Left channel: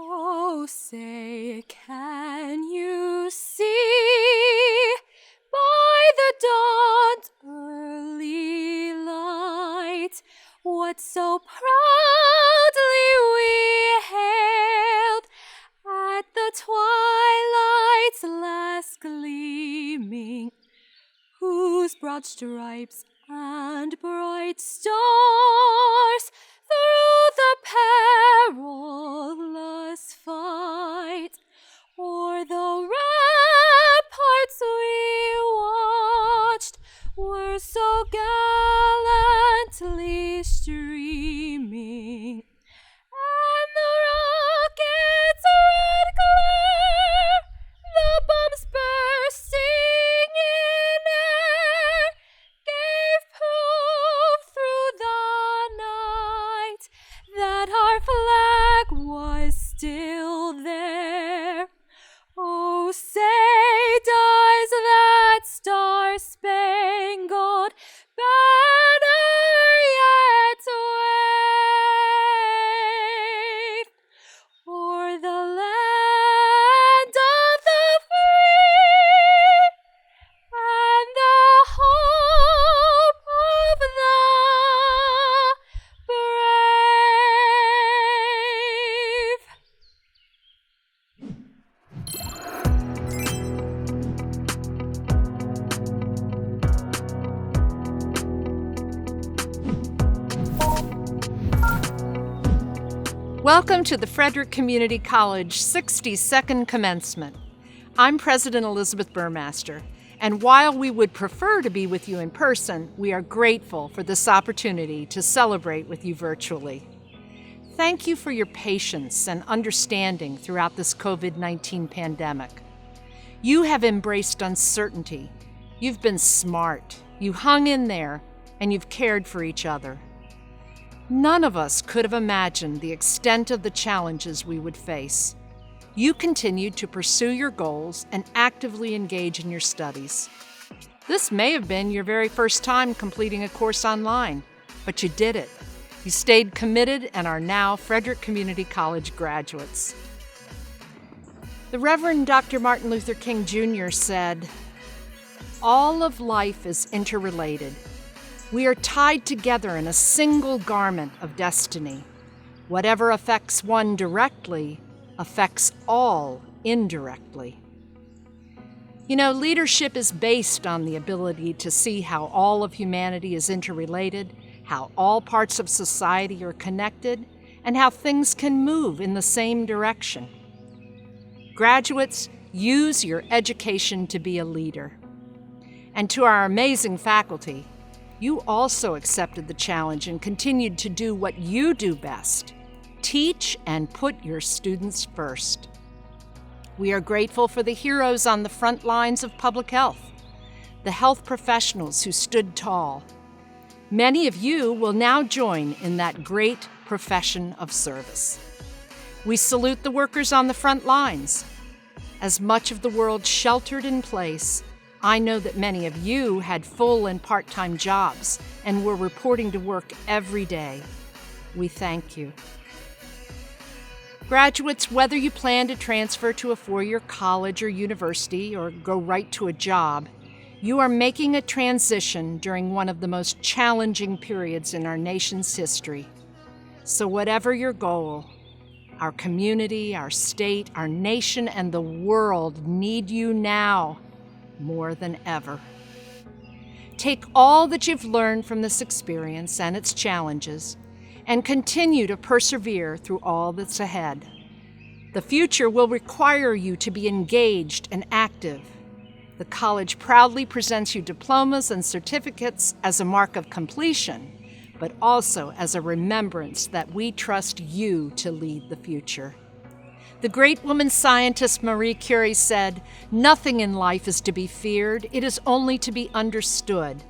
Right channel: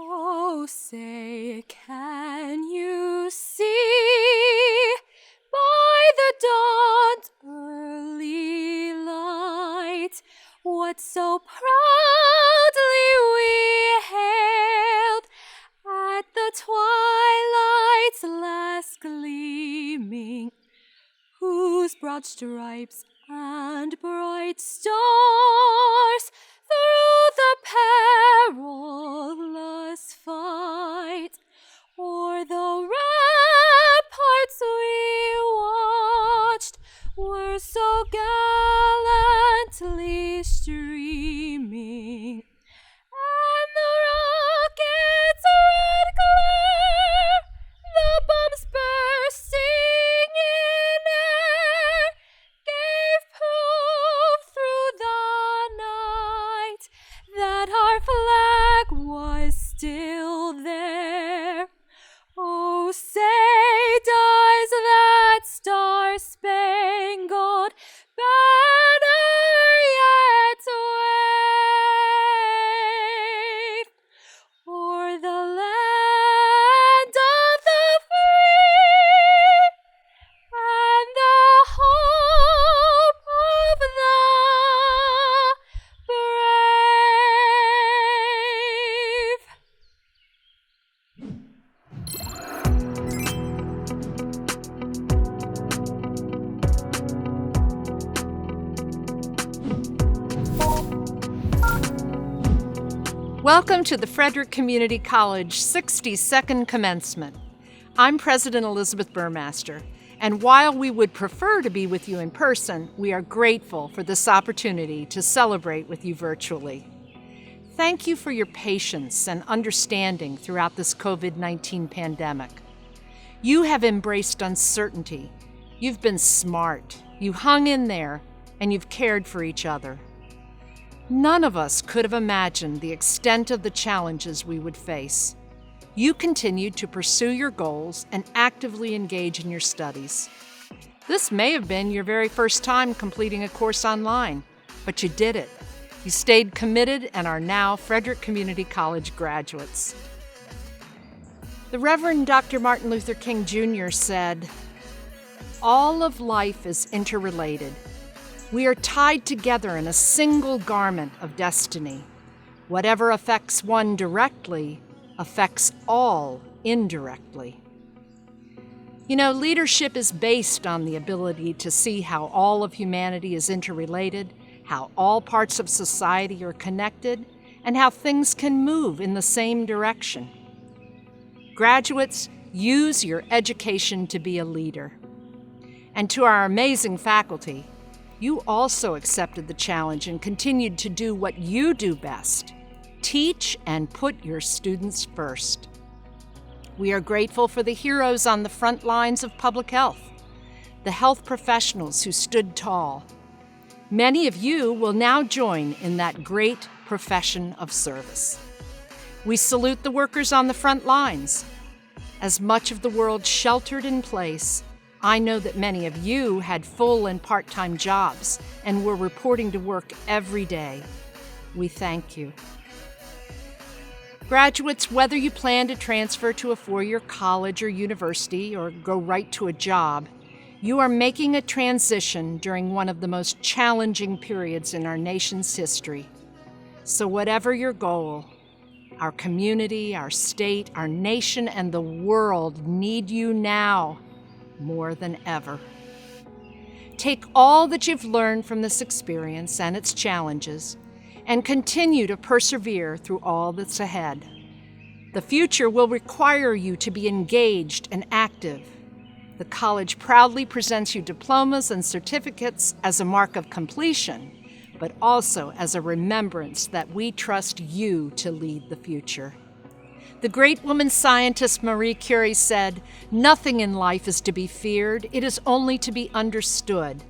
Oh, say, can you see by the dawn's early light what so proudly we hailed at the twilight's last gleaming, whose broad stripes and bright stars through the perilous fight o'er the ramparts we watched were so gallantly streaming, and the rocket's red glare, the bombs bursting in air, gave proof through the night that our flag was still there. Oh, say, does that star-spangled banner yet wave o'er the land of the free and the hope of the brave? Welcome to the Frederick Community College 62nd Commencement. I'm President Elizabeth Burmaster, and while we would prefer to be with you in person, we are grateful for this opportunity to celebrate with you virtually. Thank you for your patience and understanding throughout this COVID-19 pandemic. You have embraced uncertainty. You've been smart. You hung in there, and you've cared for each other. None of us could have imagined the extent of the challenges we would face. You continued to pursue your goals and actively engage in your studies. This may have been your very first time completing a course online, but you did it. You stayed committed and are now Frederick Community College graduates. The Reverend Dr. Martin Luther King Jr. said, "All of life is interrelated. We are tied together in a single garment of destiny. Whatever affects one directly affects all indirectly." You know, leadership is based on the ability to see how all of humanity is interrelated, how all parts of society are connected, and how things can move in the same direction. Graduates, use your education to be a leader. And to our amazing faculty, you also accepted the challenge and continued to do what you do best: teach and put your students first. We are grateful for the heroes on the front lines of public health, the health professionals who stood tall. Many of you will now join in that great profession of service. We salute the workers on the front lines. As much of the world sheltered in place, I know that many of you had full and part-time jobs and were reporting to work every day. We thank you. Graduates, whether you plan to transfer to a four-year college or university or go right to a job, you are making a transition during one of the most challenging periods in our nation's history. So whatever your goal, our community, our state, our nation, and the world need you now more than ever. Take all that you've learned from this experience and its challenges and continue to persevere through all that's ahead. The future will require you to be engaged and active. The college proudly presents you diplomas and certificates as a mark of completion, but also as a remembrance that we trust you to lead the future. The great woman scientist Marie Curie said, "Nothing in life is to be feared, it is only to be understood.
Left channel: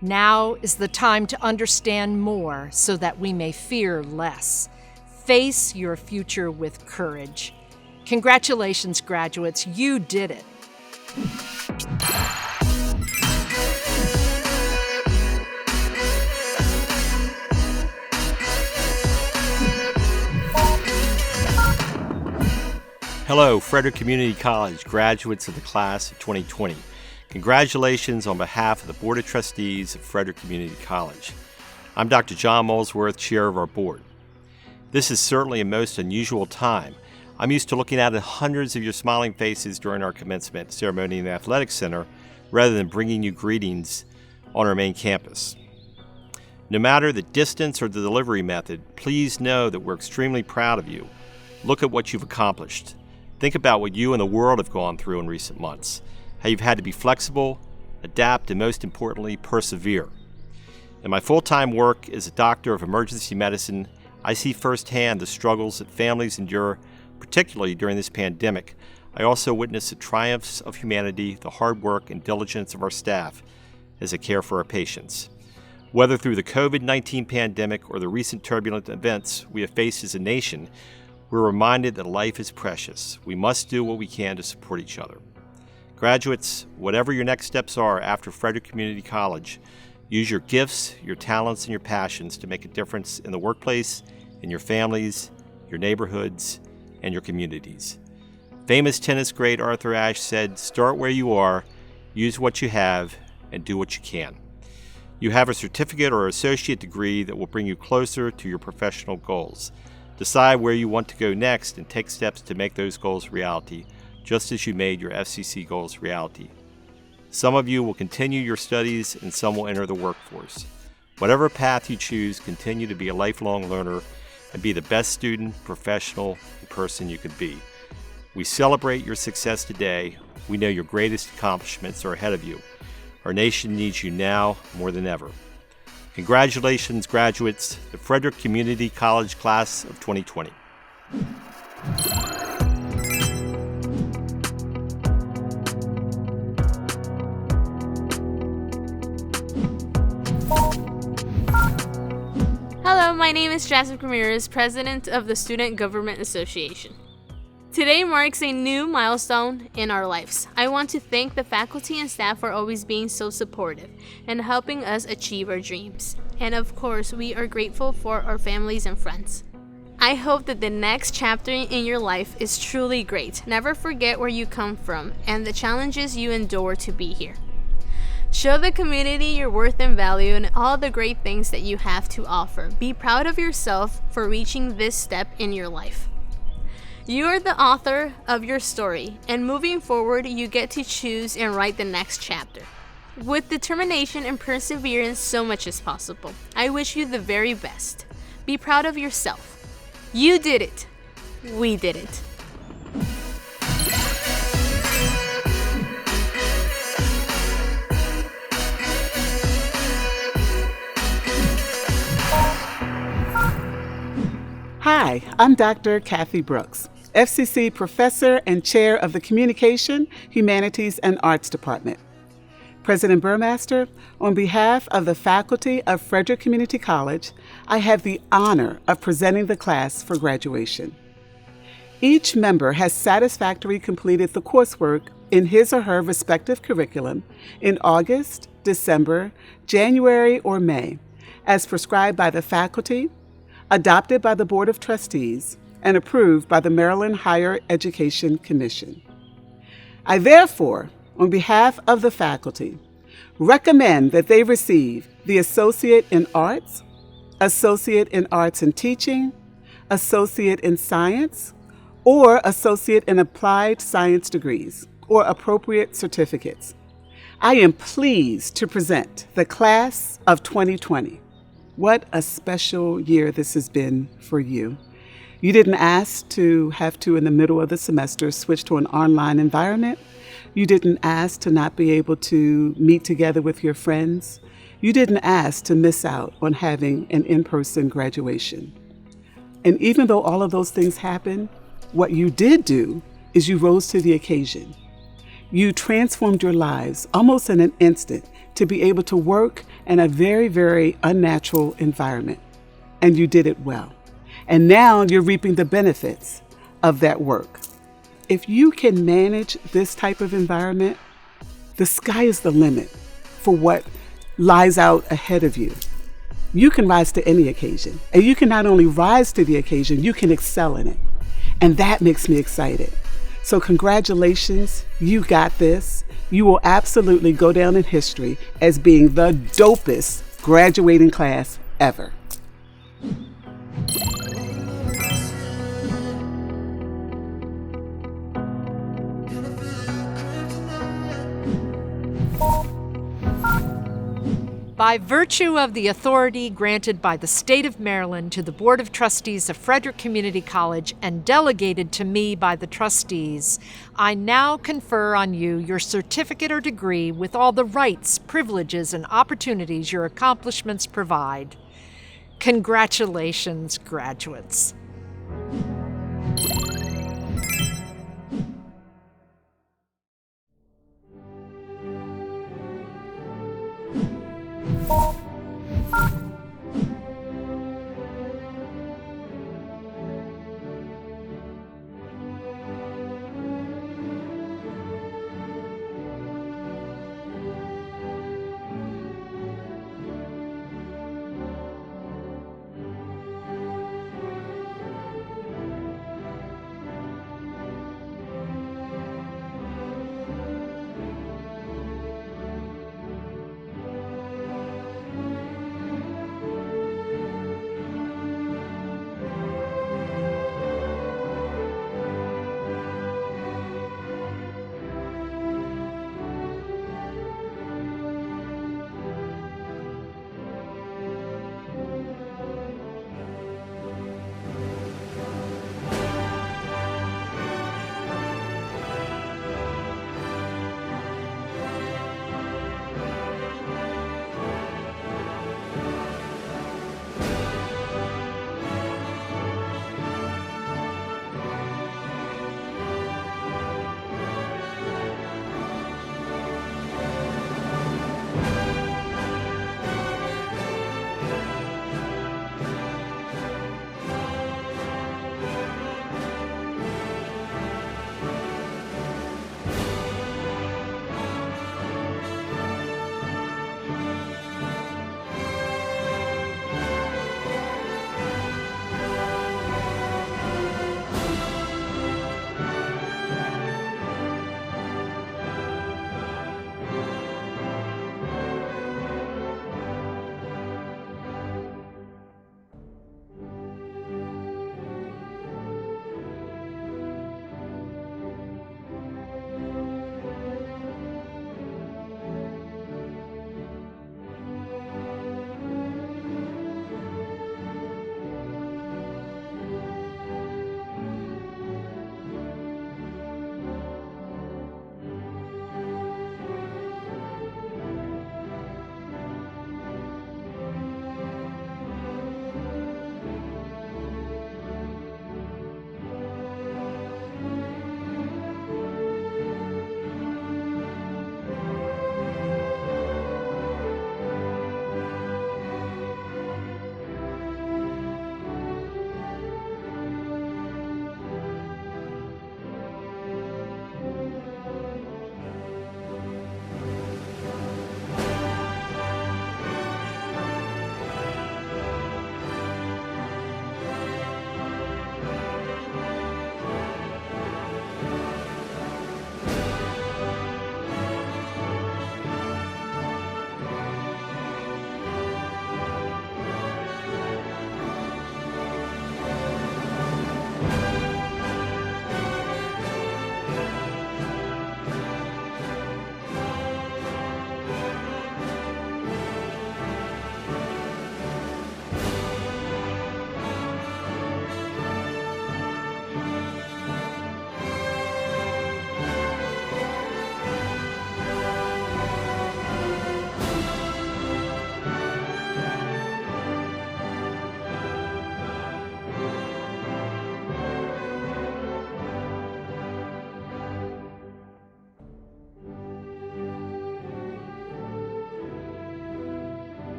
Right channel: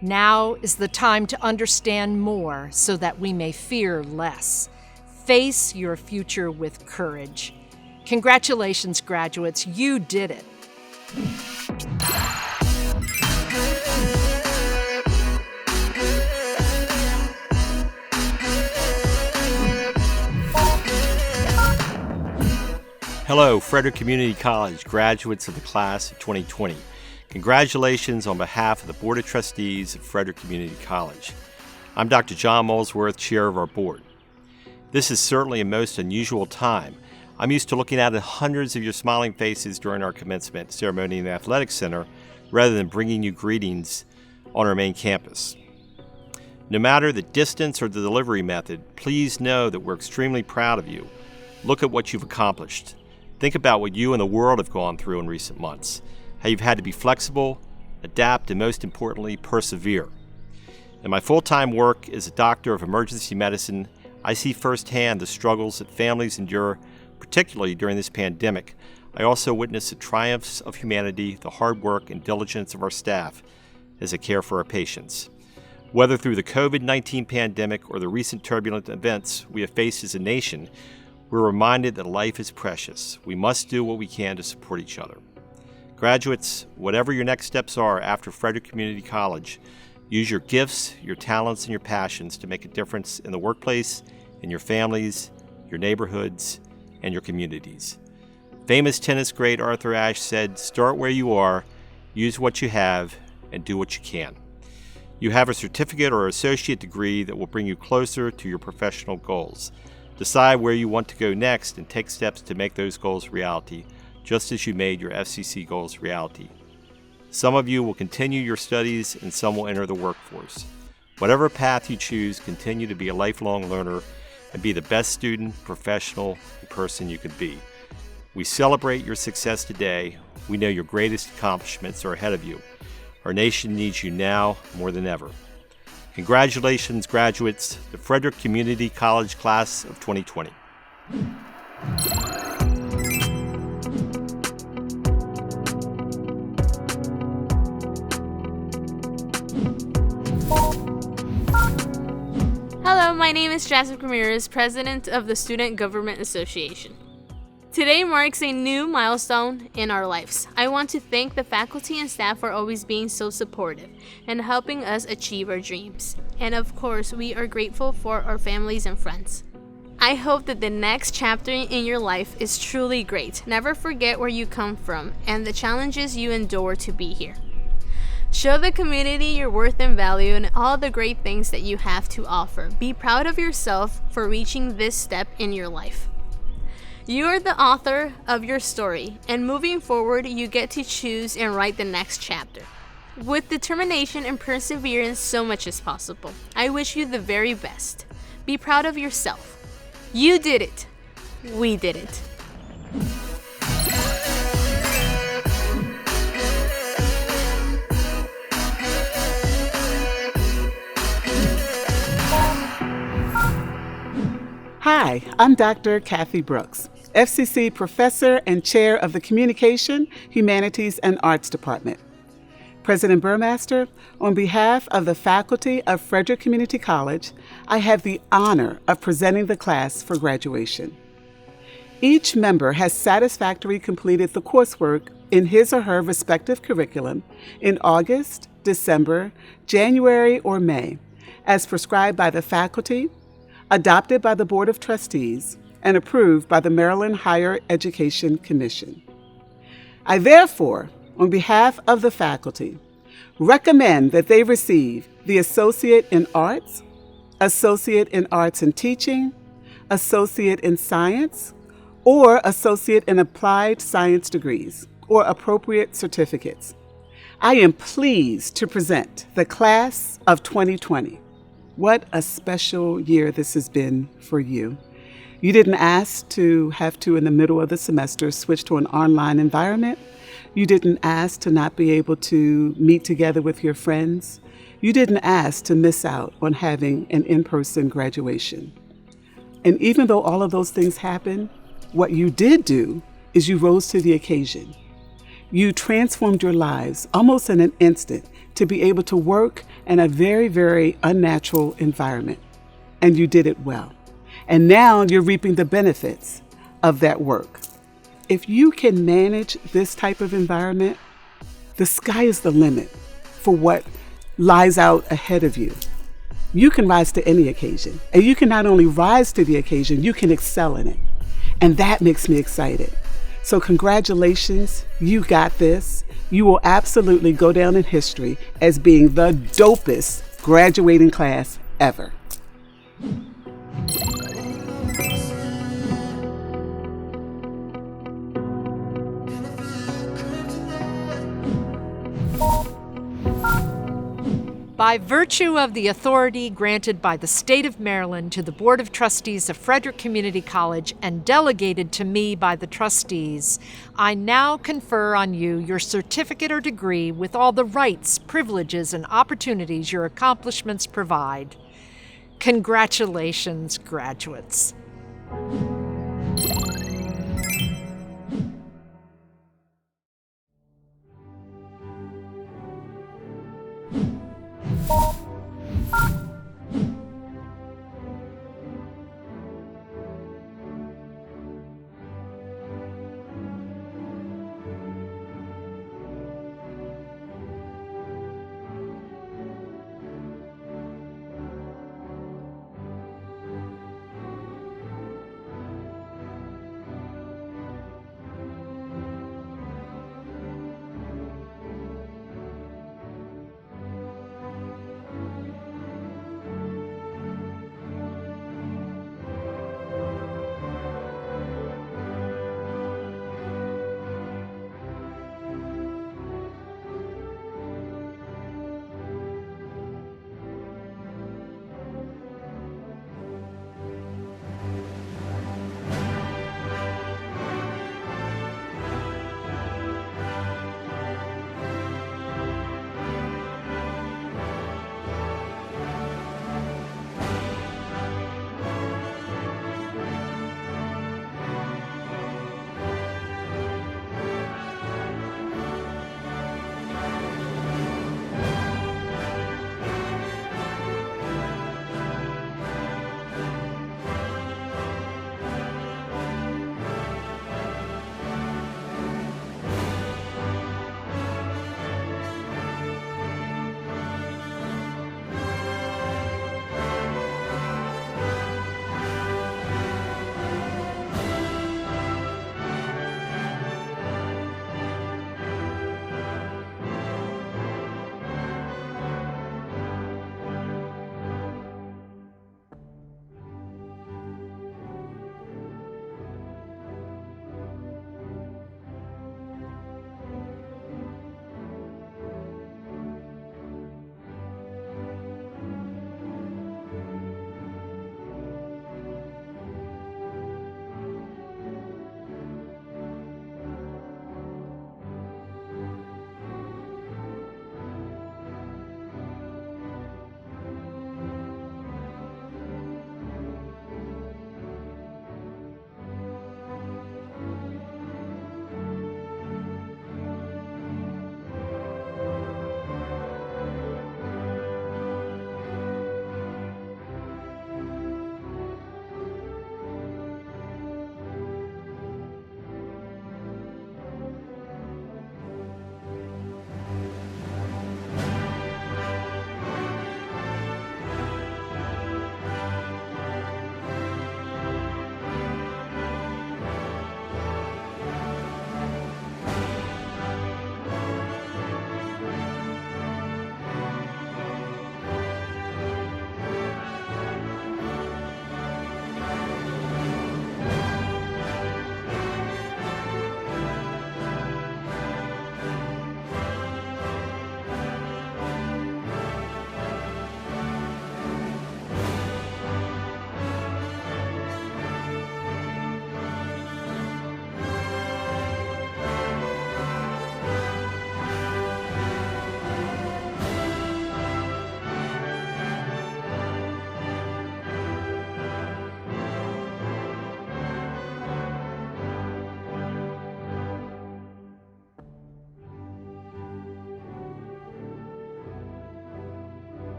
Now is the time to understand more so that we may fear less. Face your future with courage." Congratulations, graduates, you did it. Hello, Frederick Community College graduates of the class of 2020. Congratulations on behalf of the Board of Trustees of Frederick Community College. I'm Dr. John Molesworth, chair of our board. This is certainly a most unusual time. I'm used to looking at hundreds of your smiling faces during our commencement ceremony in the Athletic Center rather than bringing you greetings on our main campus. No matter the distance or the delivery method, please know that we're extremely proud of you. Look at what you've accomplished. Think about what you and the world have gone through in recent months, how you've had to be flexible, adapt, and most importantly, persevere. In my full-time work as a doctor of emergency medicine, I see firsthand the struggles that families endure, particularly during this pandemic. I also witness the triumphs of humanity, the hard work and diligence of our staff as they care for our patients. Whether through the COVID-19 pandemic or the recent turbulent events we have faced as a nation, we're reminded that life is precious. We must do what we can to support each other. Graduates, whatever your next steps are after Frederick Community College, use your gifts, your talents, and your passions to make a difference in the workplace, in your families, your neighborhoods, and your communities. Famous tennis great Arthur Ashe said, "Start where you are, use what you have, and do what you can." You have a certificate or associate degree that will bring you closer to your professional goals. Decide where you want to go next and take steps to make those goals reality, just as you made your FCC goals reality. Some of you will continue your studies and some will enter the workforce. Whatever path you choose, continue to be a lifelong learner and be the best student, professional, and person you could be. We celebrate your success today. We know your greatest accomplishments are ahead of you. Our nation needs you now more than ever. Congratulations, graduates, the Frederick Community College class of 2020. Hello, my name is Jasmine Ramirez, president of the Student Government Association. Today marks a new milestone in our lives. I want to thank the faculty and staff for always being so supportive and helping us achieve our dreams. And of course, we are grateful for our families and friends. I hope that the next chapter in your life is truly great. Never forget where you come from and the challenges you endure to be here. Show the community your worth and value and all the great things that you have to offer. Be proud of yourself for reaching this step in your life. You are the author of your story, and moving forward, you get to choose and write the next chapter. With determination and perseverance, so much is possible. I wish you the very best. Be proud of yourself. You did it. We did it. Hi, I'm Dr. Kathy Brooks, FCC Professor and Chair of the Communication, Humanities, and Arts Department. President Burmaster, on behalf of the faculty of Frederick Community College, I have the honor of presenting the class for graduation. Each member has satisfactorily completed the coursework in his or her respective curriculum in August, December, January, or May, as prescribed by the faculty, adopted by the Board of Trustees, and approved by the Maryland Higher Education Commission. I therefore, on behalf of the faculty, recommend that they receive the Associate in Arts, Associate in Arts and Teaching, Associate in Science, or Associate in Applied Science degrees, or appropriate certificates. I am pleased to present the class of 2020. What a special year this has been for you. You didn't ask to have to, in the middle of the semester, switch to an online environment. You didn't ask to not be able to meet together with your friends. You didn't ask to miss out on having an in-person graduation. And even though all of those things happened, what you did do is you rose to the occasion. You transformed your lives almost in an instant to be able to work in a very, very unnatural environment. And you did it well. And now you're reaping the benefits of that work. If you can manage this type of environment, the sky is the limit for what lies out ahead of you. You can rise to any occasion. And you can not only rise to the occasion, you can excel in it. And that makes me excited. So congratulations, you got this. You will absolutely go down in history as being the dopest graduating class ever. By virtue of the authority granted by the State of Maryland to the Board of Trustees of Frederick Community College and delegated to me by the trustees, I now confer on you your certificate or degree with all the rights, privileges, and opportunities your accomplishments provide. Congratulations, graduates.